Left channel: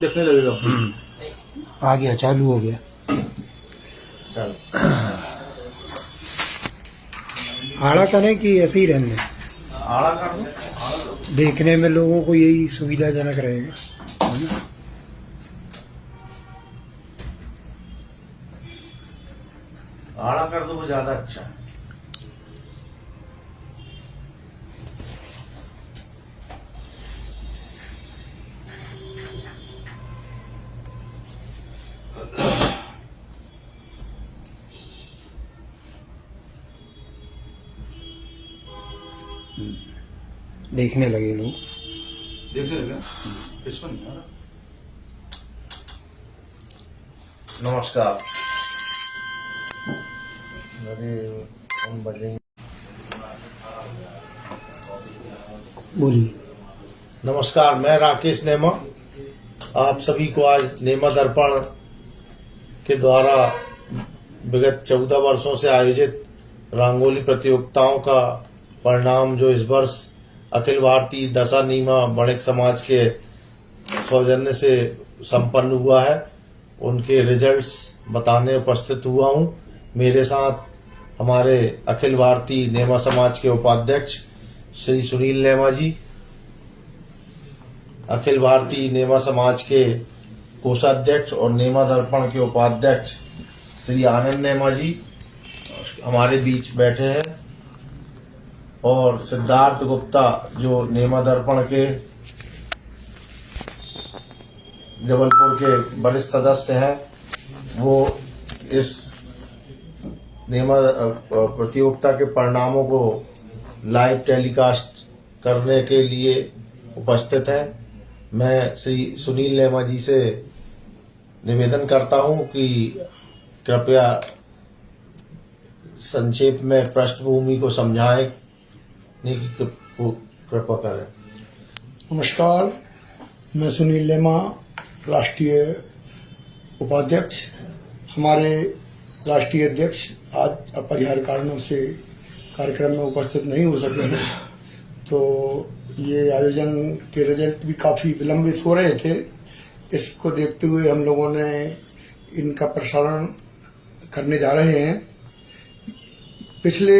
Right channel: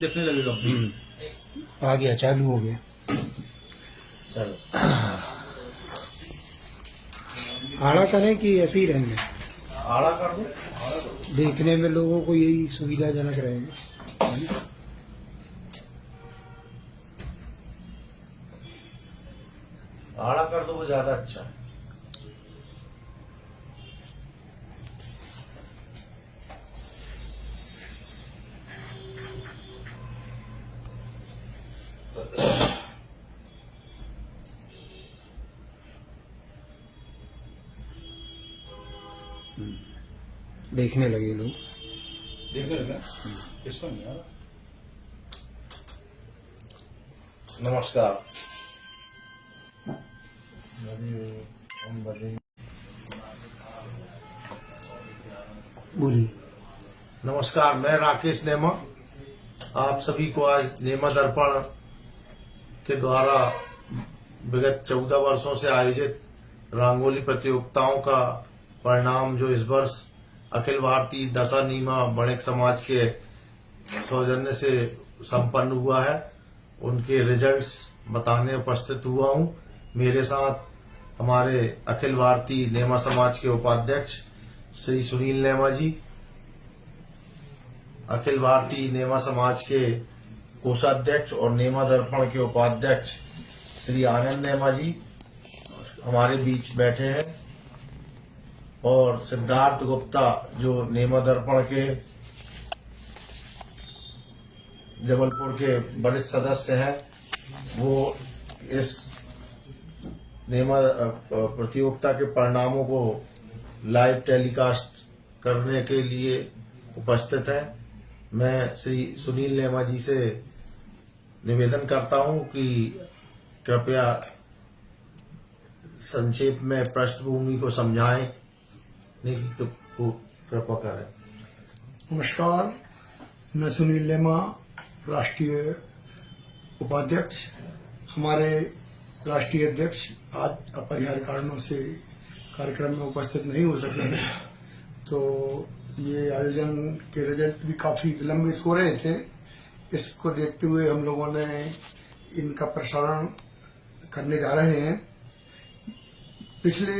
देखने लगेगा। आ गया, चालू हो गया। आड़ा करें कि ऐसे ही रहने दें? आड़ा कर दो। देखने में लोगों को यही सुविधाजनक रहेगा, है ना? आड़ा कर दो वो ज्यादा अच्छा है। देखने लगे लोग। देखने लगे इस पर नहीं हो रहा। नमस्कार। बोलिए। नमस्कार, मैं राकेश नेमा आप सभी को आज नेमा दर्पण के द्वारा विगत 14 वर्षों से आयोजित रंगोली प्रतियोगिताओं का परिणाम जो इस वर्ष अखिल भारतीय दशा नीमा बणिक समाज के सौजन्य से संपन्न हुआ है, उनके रिजल्ट्स बताने उपस्थित हुआ हूं। मेरे साथ हमारे अखिल भारतीय नेमा समाज के उपाध्यक्ष श्री सुनील नेमा जी, अखिल भारतीय नेमा समाज के कोषाध्यक्ष और नेमा दर्पण के उपाध्यक्ष श्री आनंद नेमा जी हमारे बीच बैठे हैं, और सिद्धार्थ गुप्ता जो नेमा दर्पण के जबलपुर के वरिष्ठ सदस्य हैं, वो इस नेमा प्रतियोगिता के परिणामों को लाइव टेलीकास्ट करने के लिए उपस्थित हैं। मैं श्री सुनील नेमा जी से निवेदन करता हूं कि कृपया संक्षेप में पृष्ठभूमि को समझाएं की कृपा करें। नमस्कार, मैं सुनील नेमा, राष्ट्रीय उपाध्यक्ष। हमारे राष्ट्रीय अध्यक्ष आज अपरिहार्य कारणों से कार्यक्रम में उपस्थित नहीं हो सके हैं, तो ये आयोजन के रिजल्ट भी काफ़ी विलंबित हो रहे थे। इसको देखते हुए हम लोगों ने इनका प्रसारण करने जा रहे हैं। पिछले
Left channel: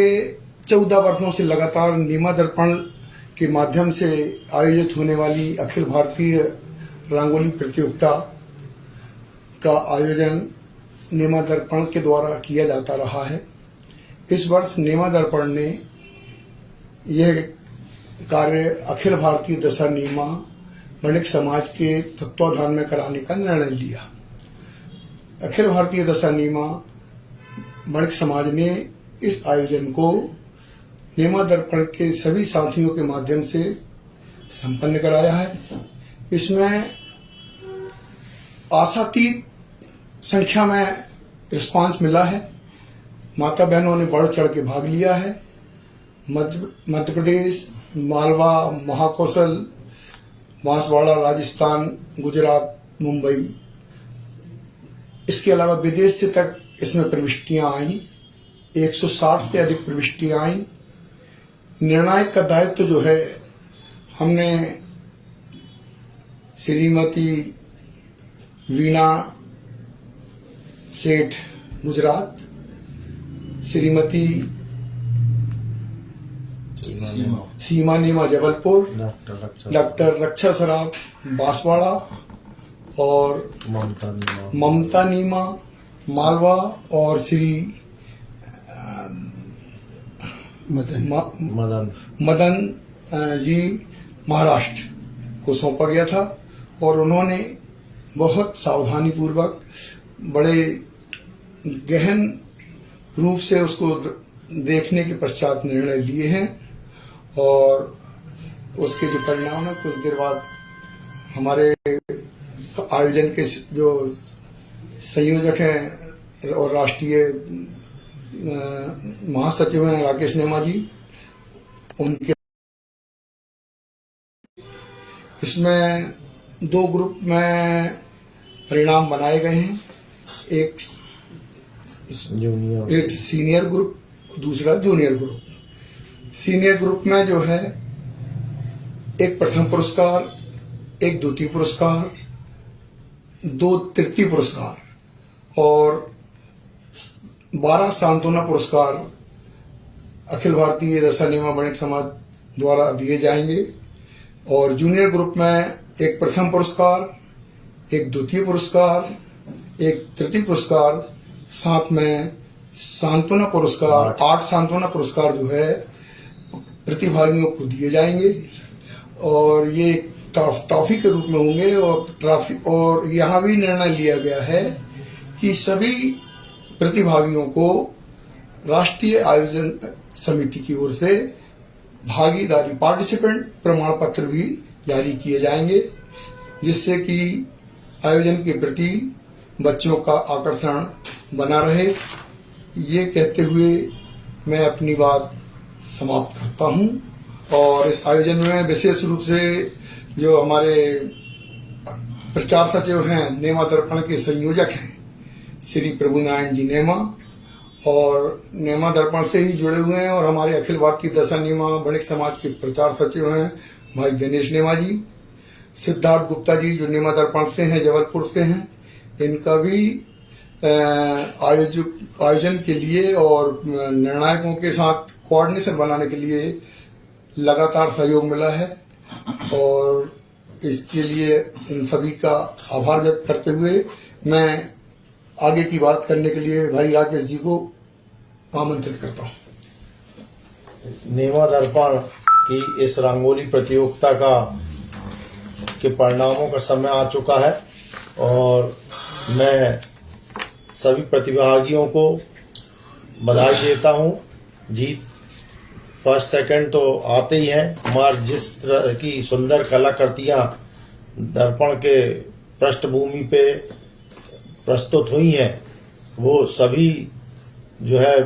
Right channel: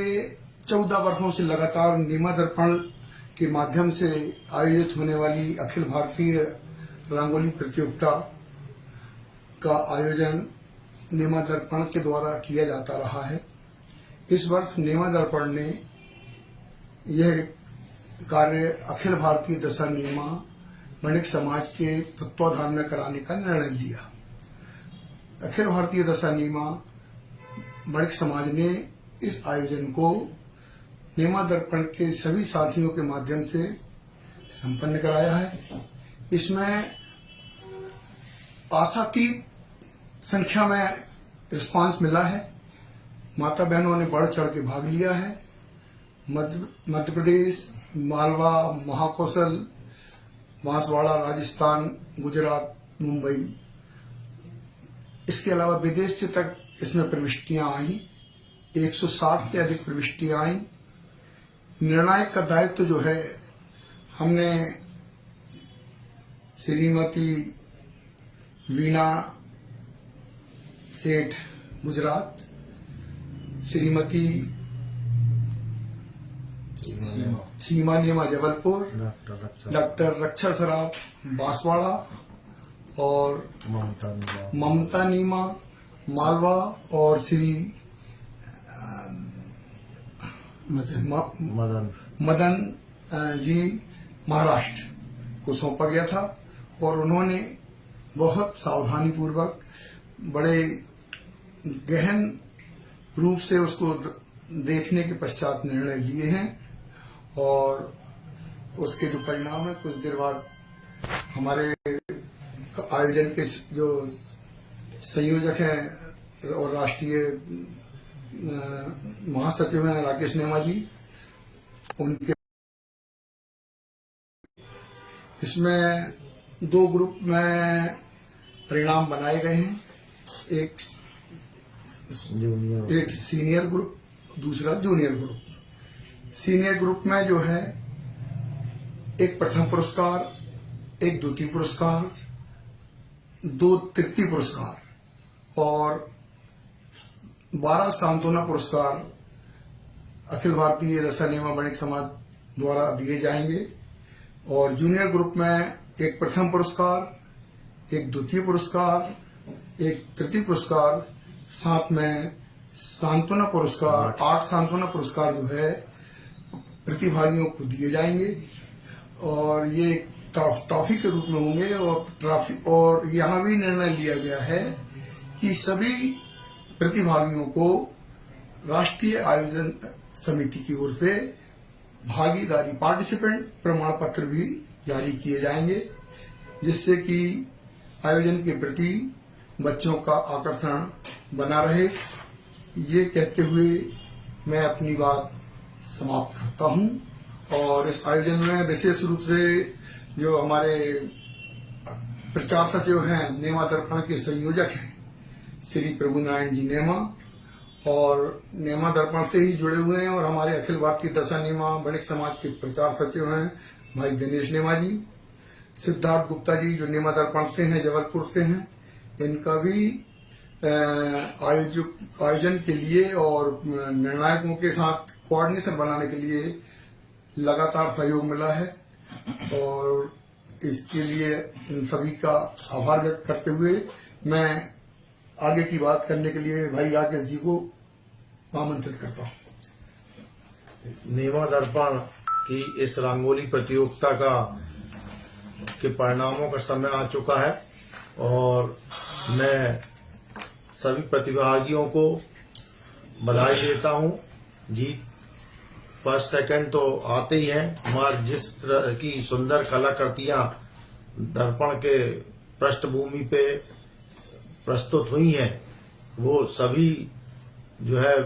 14 वर्षों से लगातार नेमा दर्पण के माध्यम से आयोजित होने वाली अखिल भारतीय रंगोली प्रतियोगिता का आयोजन नेमा दर्पण के द्वारा किया जाता रहा है। इस वर्ष नेमा दर्पण ने यह कार्य अखिल भारतीय दशा नीमा बणिक समाज के तत्वाधान में कराने का निर्णय लिया। अखिल भारतीय दशा नीमा बणिक समाज ने इस आयोजन को नेमा दर्पण के सभी साथियों के माध्यम से संपन्न कराया है। इसमें आशातीत संख्या में रिस्पांस मिला है। माता बहनों ने बढ़ चढ़ के भाग लिया है। मध्य प्रदेश, मालवा, महाकौशल, बांसवाड़ा, राजस्थान, गुजरात, मुंबई, इसके अलावा विदेश से तक इसमें प्रविष्टियां आई। 160 से अधिक प्रविष्टियां आई। निर्णायक का दायित्व जो है, हमने श्रीमती वीणा सेठ गुजरात, श्रीमती सीमा नीमा जबलपुर, डॉक्टर रक्षा सराफ बांसवाड़ा और ममता नीमा मालवा और श्री मदन जी महाराष्ट्र को सौंपा गया था, और उन्होंने बहुत सावधानी पूर्वक बड़े गहन रूप से उसको देखने के पश्चात निर्णय लिए हैं, और उसके जो परिणाम है कुछ देर बाद हमारे आयोजन के जो संयोजक हैं और राष्ट्रीय महासचिव हैं राकेश नेमा जी, उनके इसमें 2 ग्रुप में परिणाम बनाए गए हैं। एक सीनियर ग्रुप, दूसरा जूनियर ग्रुप। सीनियर ग्रुप में जो है एक प्रथम पुरस्कार, एक द्वितीय पुरस्कार 2 तृतीय पुरस्कार और 12 सांत्वना पुरस्कार अखिल भारतीय रसा नियमा वणिक समाज द्वारा दिए जाएंगे। और जूनियर ग्रुप में एक प्रथम पुरस्कार, एक द्वितीय पुरस्कार, एक तृतीय पुरस्कार, साथ में सांत्वना पुरस्कार, 8 सांत्वना पुरस्कार जो है प्रतिभागियों को दिए जाएंगे। और ये ट्रॉफी के रूप में होंगे। और यहाँ भी निर्णय लिया गया है कि सभी प्रतिभागियों को राष्ट्रीय आयोजन समिति की ओर से भागीदारी पार्टिसिपेंट प्रमाण पत्र भी जारी किए जाएंगे, जिससे कि आयोजन के प्रति बच्चों का आकर्षण बना रहे। ये कहते हुए मैं अपनी बात समाप्त करता हूं। और इस आयोजन में विशेष रूप से जो हमारे प्रचार सचिव हैं, नेमा दर्पण के संयोजक हैं श्री प्रभु नारायण जी नेमा, और नेमा दर्पण से ही जुड़े हुए हैं। और हमारे अखिल भारतीय दशा नियमा वणिक समाज के प्रचार सचिव हैं भाई दिनेश नेमा जी, सिद्धार्थ गुप्ता जी जो नेमा दर्पण से हैं, जबलपुर से हैं, इनका भी आयोजन के लिए और निर्णायकों के साथ कोऑर्डिनेशन बनाने के लिए लगातार सहयोग मिला है। और इसके लिए इन सभी का आभार व्यक्त करते हुए मैं आगे की बात करने के लिए भाई राकेश जी को आमंत्रित करता हूं। नेमा दर्पण की इस रंगोली प्रतियोगिता के परिणामों का समय आ चुका है और मैं सभी प्रतिभागियों को बधाई देता हूं। जीत फर्स्ट सेकंड तो आते ही हैं, मगर जिस तरह की सुंदर कलाकृतियां दर्पण के पृष्ठभूमि पे प्रस्तुत हुई हैं, वो सभी जो है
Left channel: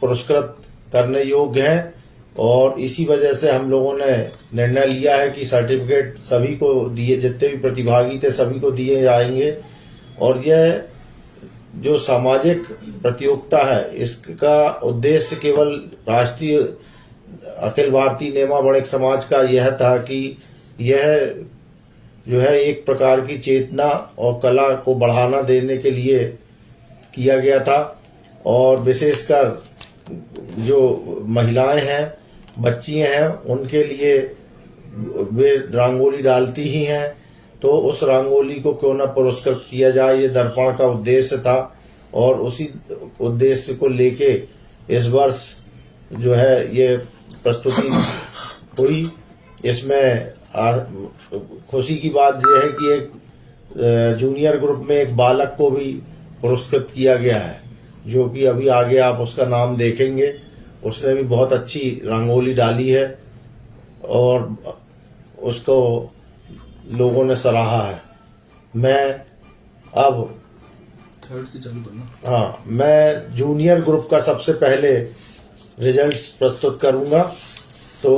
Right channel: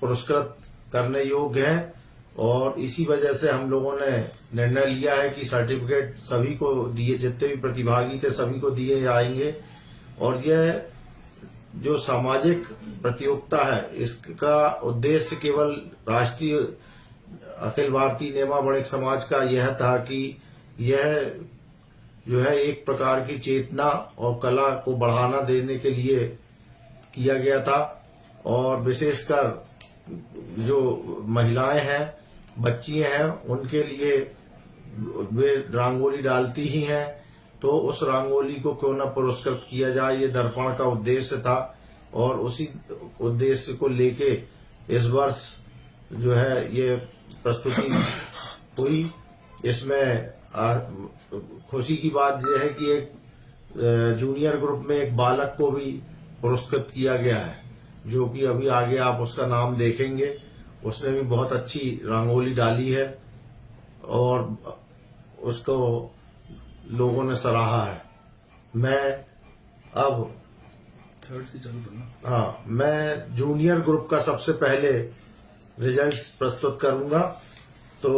पुरस्कृत करने योग्य हैं। और इसी वजह से हम लोगों ने निर्णय लिया है कि सर्टिफिकेट सभी को दिए, जितने भी प्रतिभागी थे सभी को दिए जाएंगे। और यह जो सामाजिक प्रतियोगिता है, इसका उद्देश्य केवल राष्ट्रीय अखिल भारतीय नेमा वणिक समाज का यह था कि यह जो है एक प्रकार की चेतना और कला को बढ़ावा देने के लिए किया गया था। और विशेषकर जो महिलाएं हैं, बच्चियां हैं, उनके लिए वे रंगोली डालती ही हैं, तो उस रंगोली को क्यों न पुरस्कृत किया जाए, ये दर्पण का उद्देश्य था। और उसी उद्देश्य को लेके इस वर्ष जो है ये प्रस्तुति हुई। इसमें खुशी की बात यह है कि एक जूनियर ग्रुप में एक बालक को भी पुरस्कृत किया गया है, जो कि अभी आगे आप उसका नाम देखेंगे। उसने भी बहुत अच्छी रंगोली डाली है और उसको लोगों ने सराहा है। मैं अब मैं जूनियर ग्रुप का सबसे पहले रिजल्ट्स प्रस्तुत करूंगा। तो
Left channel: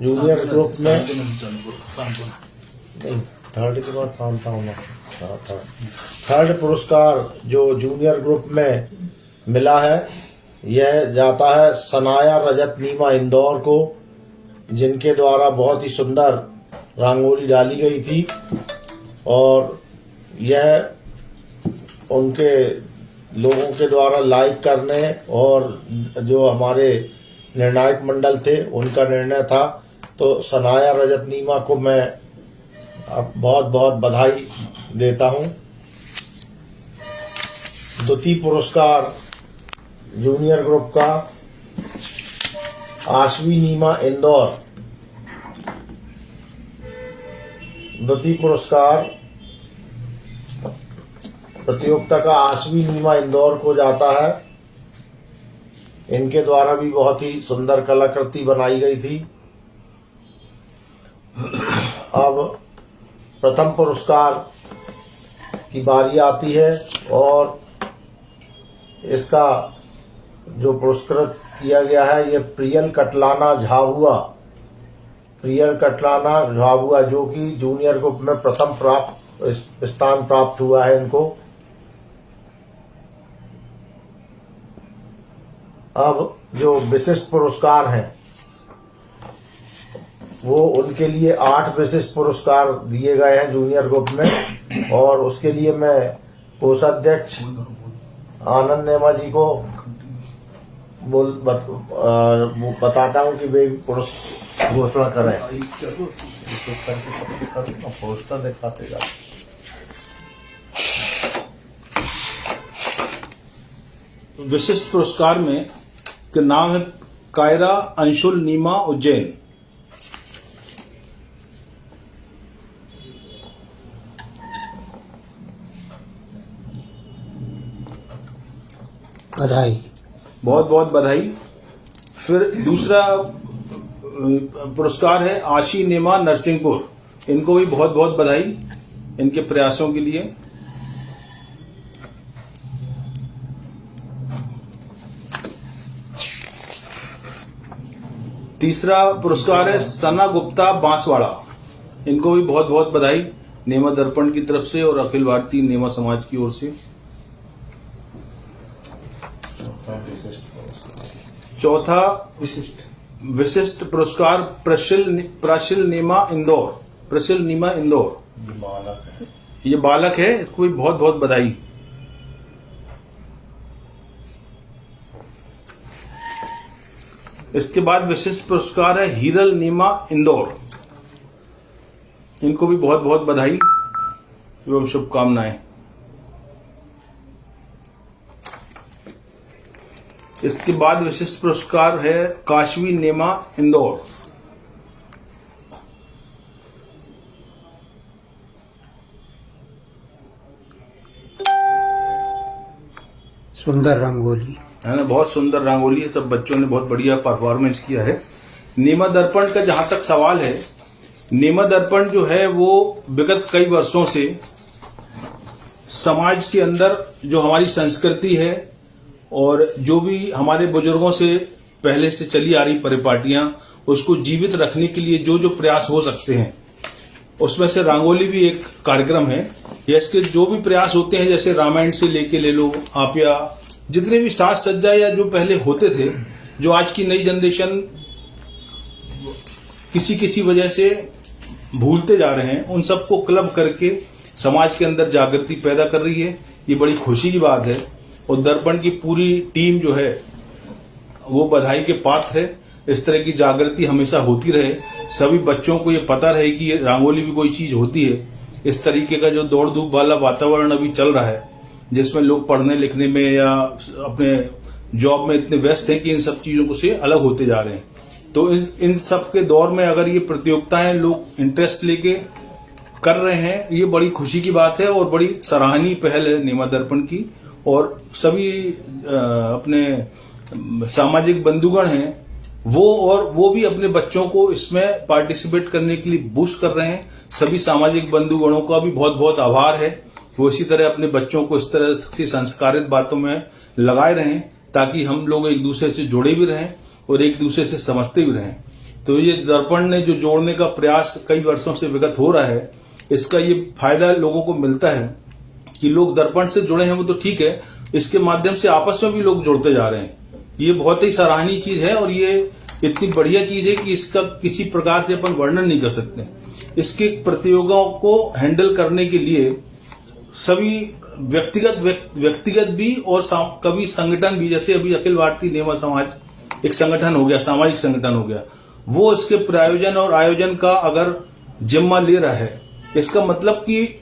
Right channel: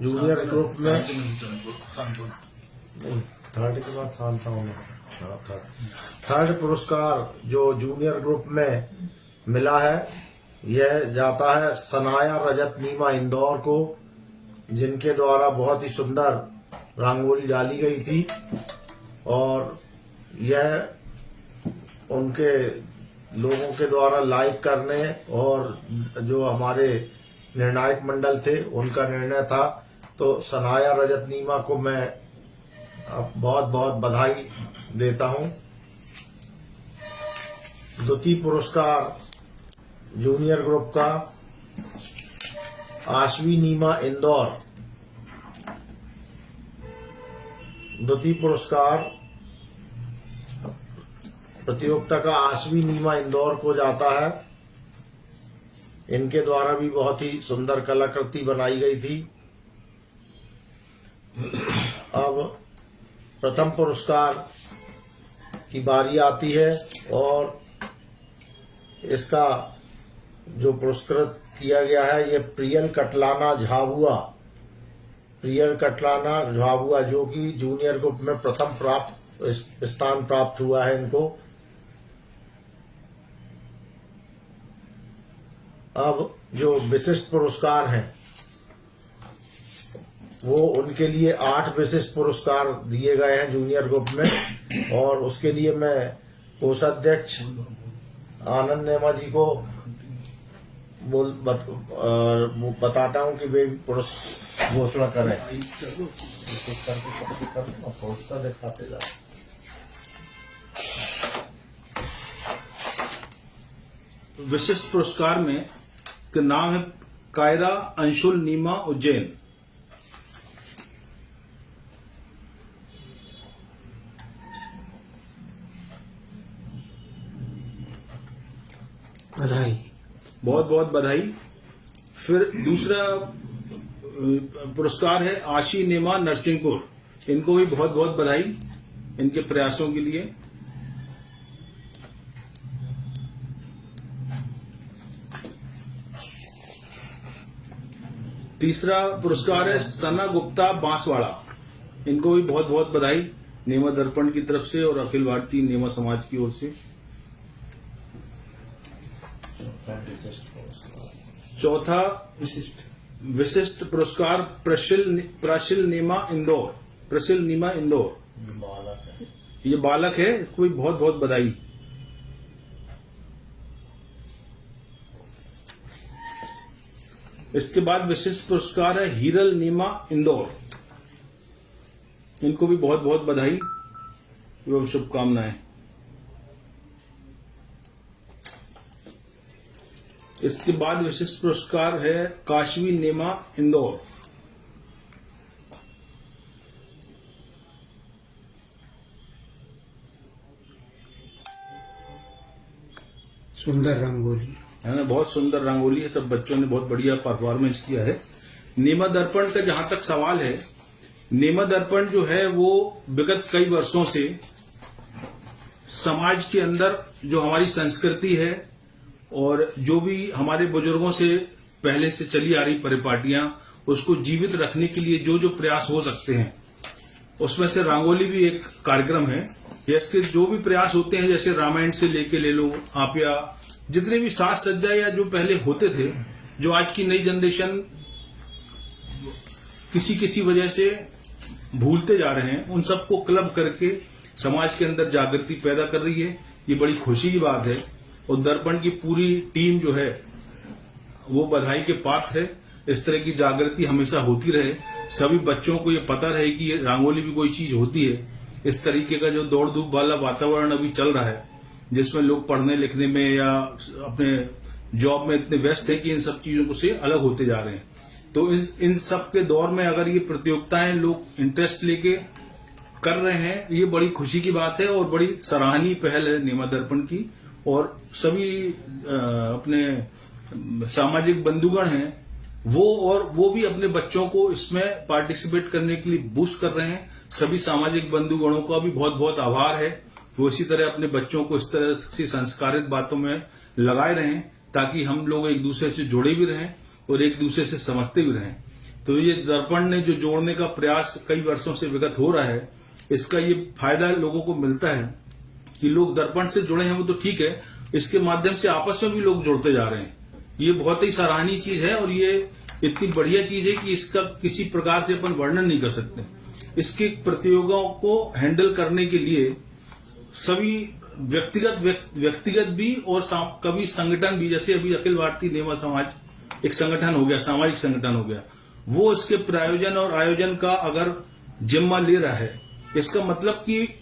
जूनियर ग्रुप में नहीं, थर्ड के बाद शांता होना। थर्ड पुरस्कार जो जूनियर ग्रुप में मिला है, यह जाता है सनाया रजत नीमा इंदौर को, जिनके द्वारा बहुत ही सुंदर रंगोली डाली गई थी। और यह उनके लोगों के द्वारा लाइक करने और जो हमारे निर्णायक मंडल थे उनका निर्णय था। तो सनाया रजत नीमा को मैं बहुत बहुत बधाई देता हूं। द्वितीय पुरस्कार जूनियर ग्रुप का आश्वी नीमा इंदौर, द्वितीय पुरस्कार प्रतियोगिता का आश्वी नीमा इंदौर को जाता है। इनके द्वारा भी बहुत ही सुंदर कलाकृति बनाई गई थी। अब प्रथम पुरस्कार की बारी आती है और इसका जो पुरस्कृत किया गया है, ये प्रियल कटलाना झाबुआ, जो कि जूनियर ग्रुप में प्रथम स्थान प्राप्त हुआ है इनको। अब जो विशिष्ट पुरस्कार हैं, वो उनके लिए 8 विशिष्ट पुरस्कार दिए गए हैं जूनियर ग्रुप में। और उसके लिए मैं कोषाध्यक्ष आनंद नेमा जी को बताता हूं कि वे पुरस्कार घोषणा करें। पोस्टर दिखाते जा। विशिष्ट पुरस्कार में का नाम है कायरा अंशुल नीमा उज्जैन। बधाई। बहुत बहुत बधाई। फिर दूसरा पुरस्कार है आशी नेमा नरसिंहपुर। इनको भी बहुत बहुत बधाई इनके प्रयासों के लिए। तीसरा पुरस्कार है सना गुप्ता बांसवाड़ा। इनको भी बहुत बहुत बधाई नेमा दर्पण की तरफ से और अखिल भारतीय नेमा समाज की ओर से। चौथा विशिष्ट पुरस्कार प्रशिल नीमा इंदौर। ये बालक है, इसको भी बहुत बहुत बधाई। इसके बाद विशिष्ट पुरस्कार है हीरल नीमा इंदौर। इनको भी बहुत बहुत बधाई एवं शुभकामनाएं। इसके बाद विशिष्ट पुरस्कार है काशवी नेमा इंदौर। सुंदर रंगोली है ना, बहुत सुंदर रंगोली है। सब बच्चों ने बहुत बढ़िया परफॉर्मेंस किया है। नेमा दर्पण का जहां तक सवाल है, नेमा दर्पण जो है वो विगत कई वर्षों से समाज के अंदर जो हमारी संस्कृति है और जो भी हमारे बुजुर्गों से पहले से चली आ रही परिपाटियां, उसको जीवित रखने के लिए जो जो प्रयास हो सकते हैं, उसमें से रंगोली भी एक कार्यक्रम है। इसके जो भी प्रयास होते हैं, जैसे रामायण से लेके ले लो आप, या जितने भी साज सज्जा या जो पहले होते थे, जो आज की नई जनरेशन किसी किसी वजह से भूलते जा रहे हैं, उन सबको क्लब करके समाज के अंदर जागृति पैदा कर रही है। ये बड़ी खुशी की बात है और दर्पण की पूरी टीम जो है वो बधाई के पात्र है। इस तरह की जागृति हमेशा होती रहे, सभी बच्चों को ये पता रहे कि ये रंगोली भी कोई चीज होती है। इस तरीके का जो दौड़ धूप वाला वातावरण अभी चल रहा है, जिसमें लोग पढ़ने लिखने में या अपने जॉब में इतने व्यस्त हैं कि इन सब चीजों से अलग होते जा रहे हैं, तो इन सब के दौर में अगर ये प्रतियोगिताएं लोग इंटरेस्ट लेके कर रहे हैं, ये बड़ी खुशी की बात है और बड़ी सराहनीय पहल है नेमा दर्पण की। और सभी अपने सामाजिक बंधुगण हैं वो भी अपने बच्चों को इसमें पार्टिसिपेट करने के लिए बूस्ट कर रहे हैं। सभी सामाजिक बंधुगणों का भी बहुत बहुत आभार है। वो इसी तरह अपने बच्चों को इस तरह से संस्कारित बातों में लगाए रहें, ताकि हम लोग एक दूसरे से जुड़े भी रहें और एक दूसरे से समझते भी रहें। तो ये दर्पण ने जो जोड़ने का प्रयास कई वर्षों से विगत हो रहा है, इसका ये फायदा लोगों को मिलता है कि लोग दर्पण से जुड़े हैं, वो तो ठीक है, इसके माध्यम से आपस में भी लोग जुड़ते जा रहे हैं। ये बहुत ही सराहनीय चीज है और ये इतनी बढ़िया चीज है कि इसका किसी प्रकार से अपन वर्णन नहीं कर सकते। इसके प्रतियोगिताओं को हैंडल करने के लिए सभी व्यक्तिगत भी और कभी संगठन भी, जैसे अभी अखिल भारतीय नेमा समाज एक संगठन हो गया, सामाजिक संगठन हो गया, वो इसके प्रायोजन और आयोजन का अगर जिम्मा ले रहा है, इसका मतलब कि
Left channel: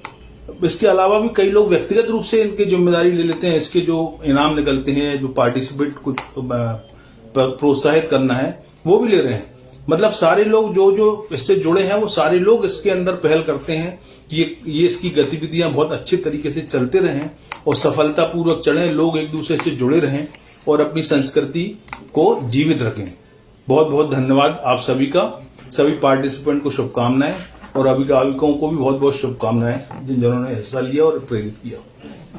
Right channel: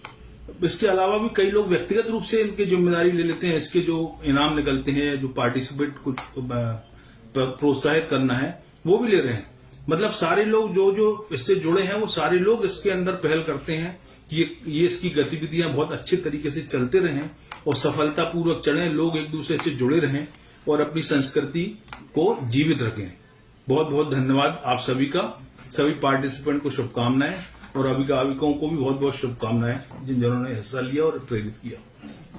इसके अलावा भी कई लोग व्यक्तिगत रूप से इनकी जिम्मेदारी ले लेते हैं। इसके जो इनाम निकलते हैं, जो पार्टिसिपेट कुछ प्रोत्साहित करना है, वो भी ले रहे हैं। मतलब सारे लोग जो इससे जुड़े हैं, वो सारे लोग इसके अंदर पहल करते हैं कि ये इसकी गतिविधियां बहुत अच्छे तरीके से चलते रहें और सफलतापूर्वक चलें, लोग एक दूसरे से जुड़े रहें और अपनी संस्कृति को जीवित रखें। बहुत बहुत धन्यवाद आप सभी का। सभी पार्टिसिपेंट को शुभकामनाएं और अभिभावकों को भी बहुत बहुत शुभकामनाएं जिन्होंने हिस्सा लिया और प्रेरित किया।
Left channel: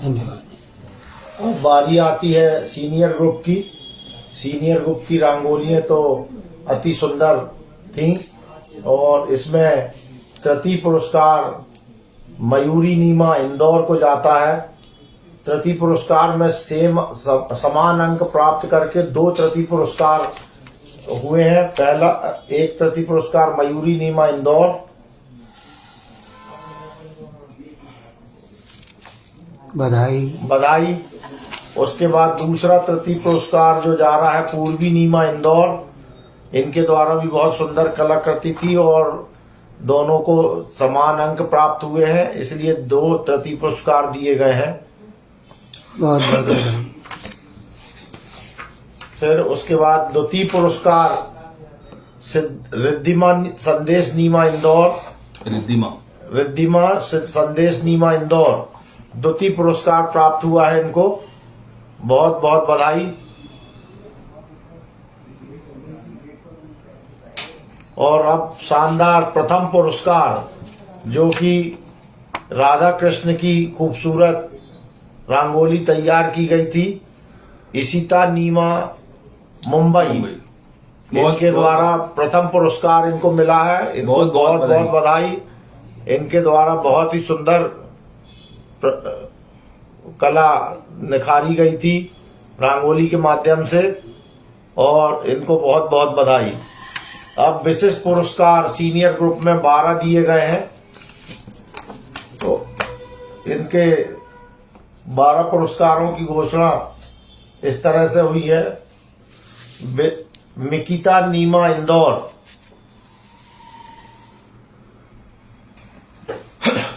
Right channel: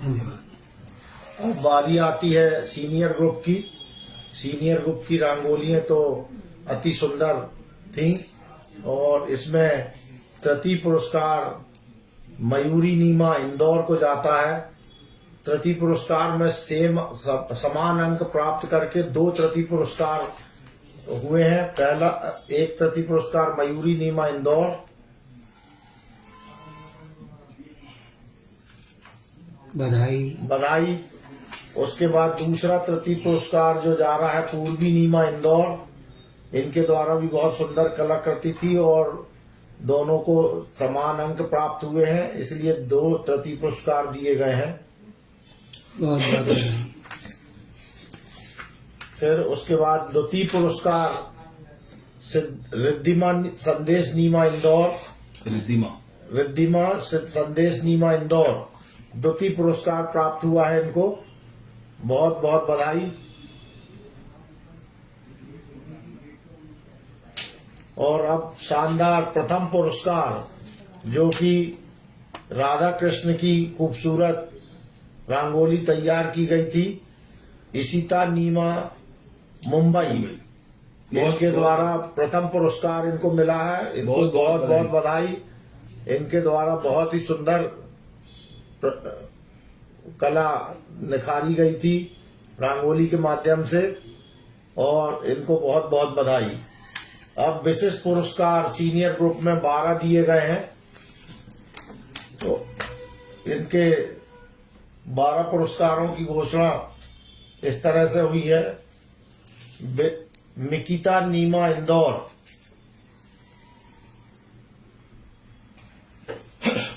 धन्यवाद। अब बारी आती है सीनियर ग्रुप की। सीनियर ग्रुप की रंगोलियां तो अति सुंदर थी और इसमें तृतीय पुरस्कार मयूरी नीमा इंदौर को जाता है। तृतीय पुरस्कार में समान अंक प्राप्त करके 2 तृतीय पुरस्कार हुए हैं। पहला एक तृतीय पुरस्कार मयूरी नीमा इंदौर बधाई। उसके बाद दूसरा तृतीय पुरस्कार जो जा रहा है पूर्वी नीमा इंदौर, इनके द्वारा भी बहुत सुंदर कलाकृति थी और दोनों को समान अंक प्राप्त हुए हैं, इसलिए 2 तृतीय पुरस्कार दिए गए हैं। बहुत बहुत बधाई। फिर उसके बाद द्वितीय पुरस्कार रिद्धिमा संदेश नीमा इंदौर, रिद्धिमा संदेश नीमा इंदौर द्वितीय पुरस्कार प्राप्त हुआ है इनको, बहुत बहुत बधाई। और अब शानदार प्रथम पुरस्कार जो कि राधा कृष्ण की खूबसूरत रंगोली तैयार की गई थी, इशिता नीमा मुंबई, इनके द्वारा प्रथम पुरस्कार इनको मिला है। इनको बहुत बहुत बधाई। बहुत बधाई। इनके द्वारा बहुत ही सुंदर कला निखारी गई थी रंगोली के माध्यम से, और इनको बहुत बहुत बधाई। अब विशिष्ट पुरस्कार सीनियर ग्रुप में 12 दिए गए हैं, तो इनके 12 पुरस्कारों की घोषणा इस तरह से हुई है। मिकिता नीमा इंदौर,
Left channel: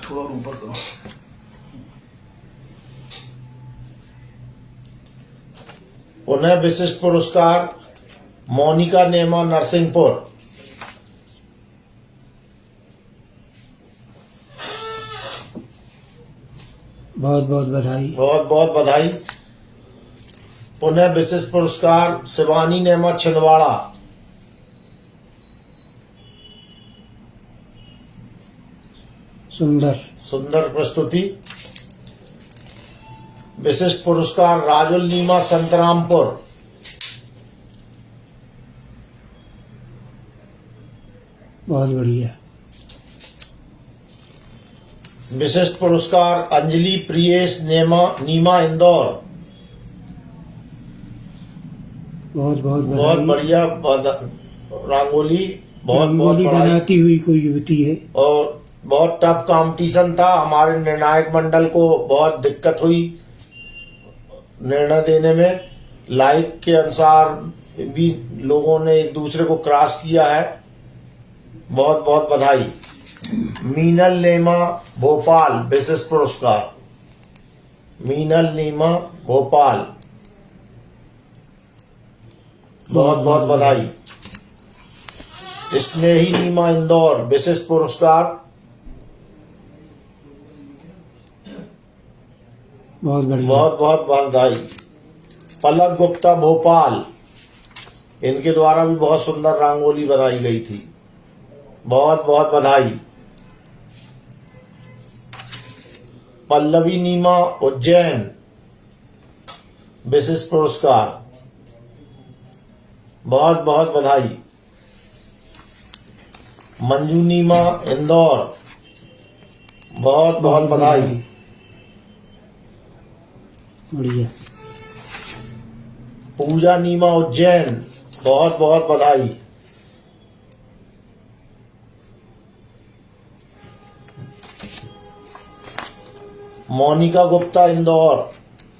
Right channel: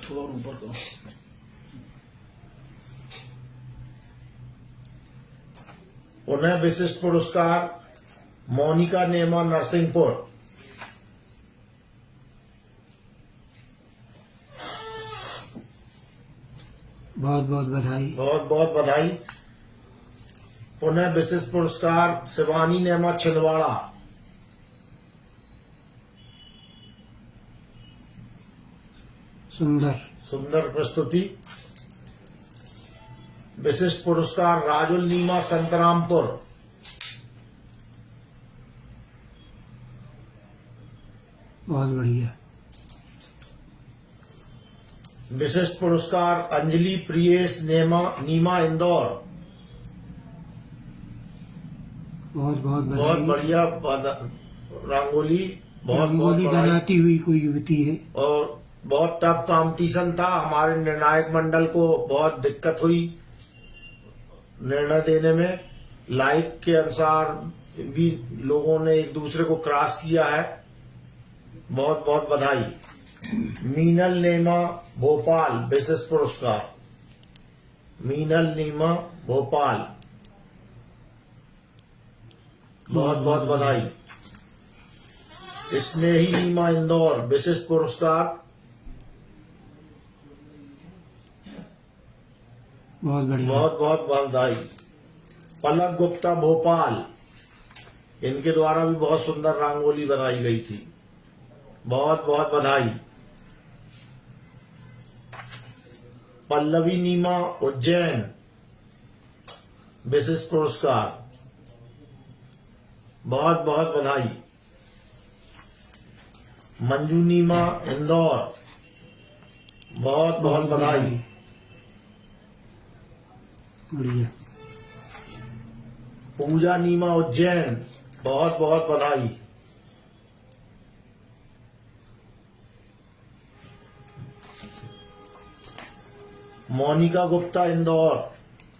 थोड़ा ऊपर करो। उन्हें विशिष्ट पुरस्कार मोनिका नेमा नरसिंहपुर, बहुत बहुत बधाई। बहुत बहुत बधाई। पुनः विशिष्ट पुरस्कार शिवानी नेमा छिंदवाड़ा, सुंदर। सुंदर प्रस्तुति। विशिष्ट पुरस्कार राजुल नीमा संतरामपुर, बहुत बढ़िया। विशिष्ट पुरस्कार अंजलि प्रियेश नीमा इंदौर, बहुत बहुत बहुत बधाई। बढ़िया रंगोली, बहुत रंगोली बहुत बधाई। बनाती हुई कोई युवती है। और बहुत टफ कंपटीशन था, हमारे निर्णायक मंडल को बहुत दिक्कत हुई निर्णय देने में। लाइक के अनुसार भी लोगों ने एक दूसरे को क्रॉस किया है, बहुत बहुत बधाई। मीनल नेमा भोपाल विशिष्ट पुरस्कार, मीनल नेमा भोपाल, बहुत बहुत बधाई। स्नेही नीमा इंदौर विशिष्ट पुरस्कार, बहुत बढ़िया। बहुत बहुत बधाई। पलक गुप्ता भोपाल, इनके द्वारा भी बहुत सुंदर रंगोली बनाई गई थी, बहुत बहुत बधाई। पल्लवी नीमा उज्जैन विशिष्ट पुरस्कार, बहुत बहुत बधाई। मंजू नीमा इंदौर, बहुत बहुत बधाई। बढ़िया। पूजा नीमा उज्जैन, बहुत बहुत बधाई। मोनिका गुप्ता इंदौर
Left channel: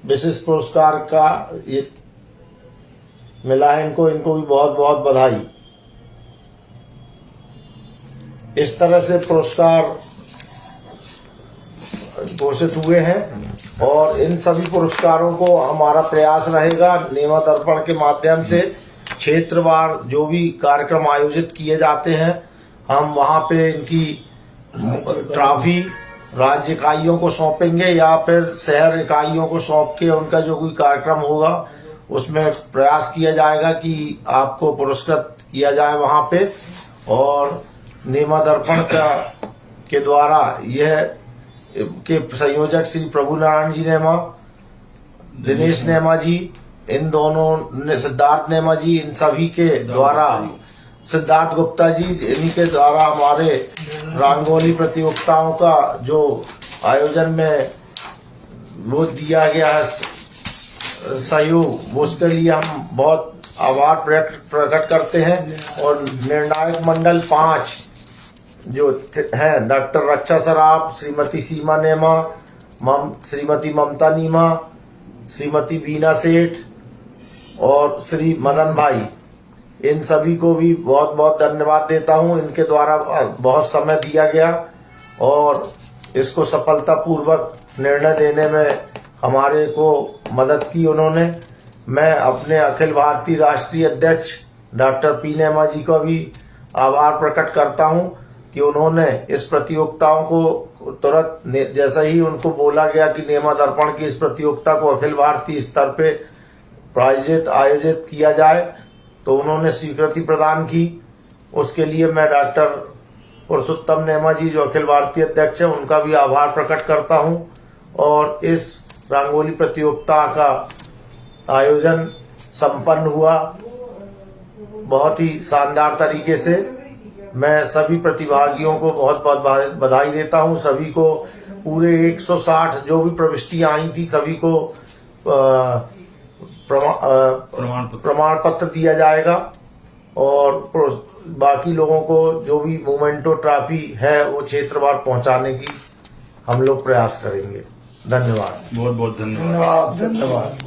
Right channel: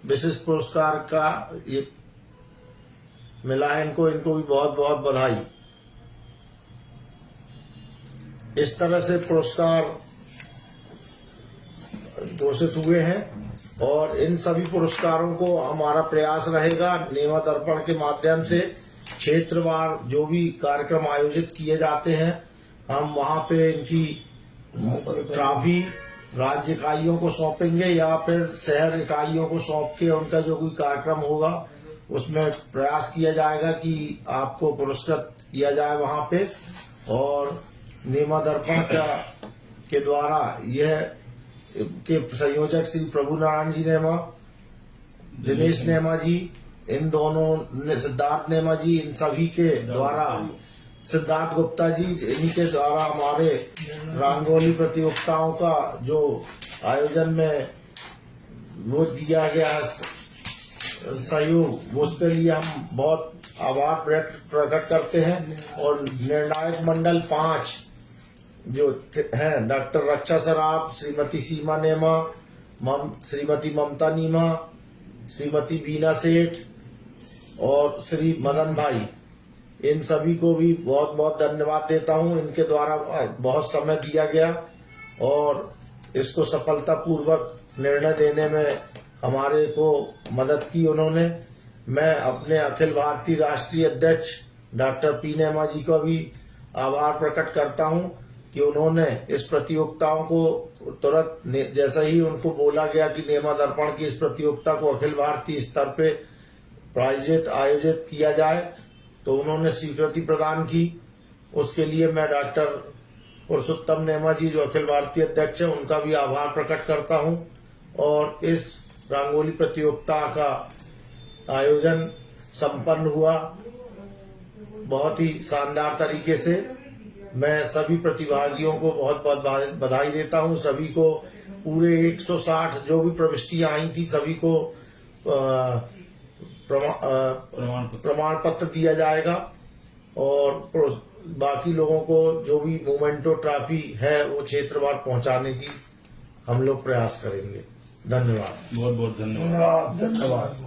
विशिष्ट पुरस्कार का ये मिला है इनको, इनको भी बहुत बहुत बधाई। इस तरह से पुरस्कार घोषित हुए हैं और इन सभी पुरस्कारों को हमारा प्रयास रहेगा नेमा दर्पण के माध्यम से क्षेत्रवार जो भी कार्यक्रम आयोजित किए जाते हैं हम वहां पे इनकी ट्रॉफी राज्य इकाइयों को सौंपेंगे या फिर शहर इकाइयों को सौंप के उनका जो कोई कार्यक्रम होगा उसमें प्रयास किया जाएगा कि आपको पुरस्कृत किया जाए वहां पे। और नेमा दर्पण के द्वारा यह के संयोजक श्री प्रभु नारायण जी नेमा, दिनेश नेमा जी, इन दोनों सिद्धार्थ नेमा जी, इन सभी के द्वारा सिद्धार्थ गुप्ता जी, इन्हीं के द्वारा हमारे रंगोली प्रतियोगिताओं का जो आयोजन में वो दिया गया है सहयोग, उसके लिए हम बहुत आभार प्रकट करते हैं। और निर्णायक मंडल 5 जो हैं डॉक्टर रक्षा सराफ, श्रीमती सीमा नेमा, श्रीमती ममता नीमा, श्रीमती बीना सेठ और श्री मदन भाई, इन सभी को भी बहुत बहुत धन्यवाद देता हूं। इनके द्वारा बहुत समय दिया गया और इसको सफलतापूर्वक निर्णय देने में हमारे को मदद की उन्होंने। मैं अपने अखिल भारतीय राष्ट्रीय अध्यक्ष डॉक्टर पी नेमा जी का भी आभार प्रकट करता हूं कि उन्होंने इस प्रतियोगिताओं को तुरंत, जैसा ही उनको बोला गया कि नेमा दर्पण की इस प्रतियोगिता को अखिल भारतीय स्तर पे आयोजित किया जाए, तो उन्होंने स्वीकृति प्रदान की। उसके लिए मैं डॉक्टर पुरुषोत्तम नेमा जी, जो अखिल भारतीय अध्यक्ष हैं, उनका भी आभार प्रकट करता हूं। और इस रंगोली प्रतियोगिता का आयोजन संपन्न हुआ बहुत ही शानदार तरीके से। मैं सभी प्रतिभागियों को बहुत बहुत बधाई देता हूं। सभी को पूरे 160 जो भी प्रविष्टियां आई थी, सभी को प्रमाण पत्र दिया जाएगा और बाकी लोगों को जो भी मोमेंटो ट्रॉफी है वो क्षेत्रवार पहुंचाने की हम लोग प्रयास करेंगे। धन्यवाद। बहुत बहुत धन्यवाद। धन्यवाद।